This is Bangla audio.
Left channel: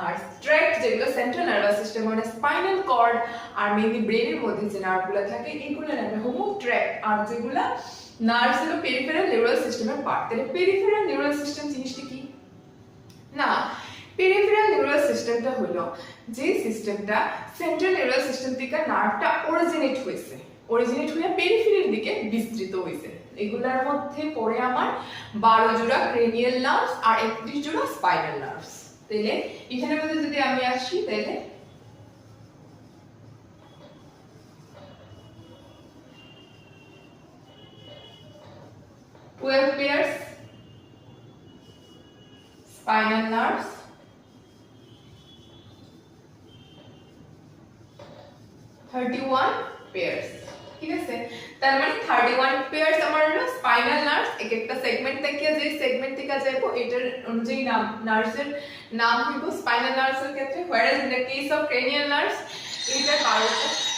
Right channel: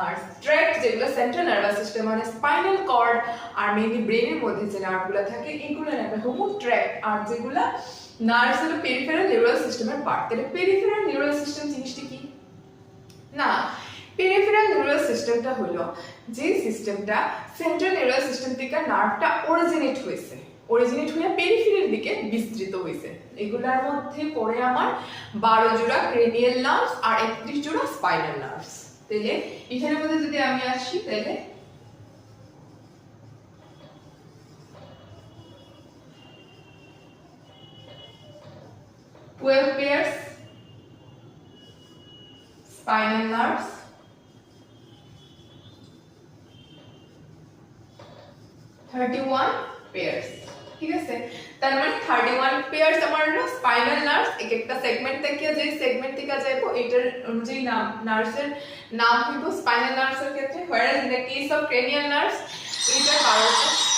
আর ট্র্যাক্ট যেগুলো সেন্ট্রাল নার্ভাস সিস্টেম মানে স্পাইনাল কর্ড আর মেইনলি ব্রেনের মধ্যে যে নার্ভগুলো থাকে এগুলো নামে হলো ট্র্যাক্ট। আর যেগুলো নার্ভস হলো পেরিফেরাল নিউরাল সিস্টেমের পার্ট। তাহলে পেরিফেরাল নিউরাল সিস্টেম জিনিসটা কি না, পেরিফেরাল নিউরাল সিস্টেমটা হলো যে সিস্টেমটা সেন্ট্রাল নিউরাল সিস্টেম থেকে নার্ভটা অরিজিনেট হয়ে পেরিফেরির দিকে বিস্তৃত হয়েছে। এগুলোর মধ্যে পড়ে আমার 12 জোড়া ক্রেনিয়াল নার্ভস আর 31 জোড়া স্পাইনাল নার্ভস। তাহলে এখানের মধ্যে যদি আমি আসি তাহলে twelve pairs spinal nerves, 31 pairs। ঠিক আছে, তার মানে 31 pairs আমার হলো স্পাইনাল নার্ভস। এক একটা সেগমেন্ট থেকে যে সেগমেন্ট থেকে যাইবো এটার অনুযায়ী নাম নার্ভসের নাম হইব স্পাইনাল নার্ভসের ক্ষেত্রে, whereas in the case of cranial nerves এটা 12টা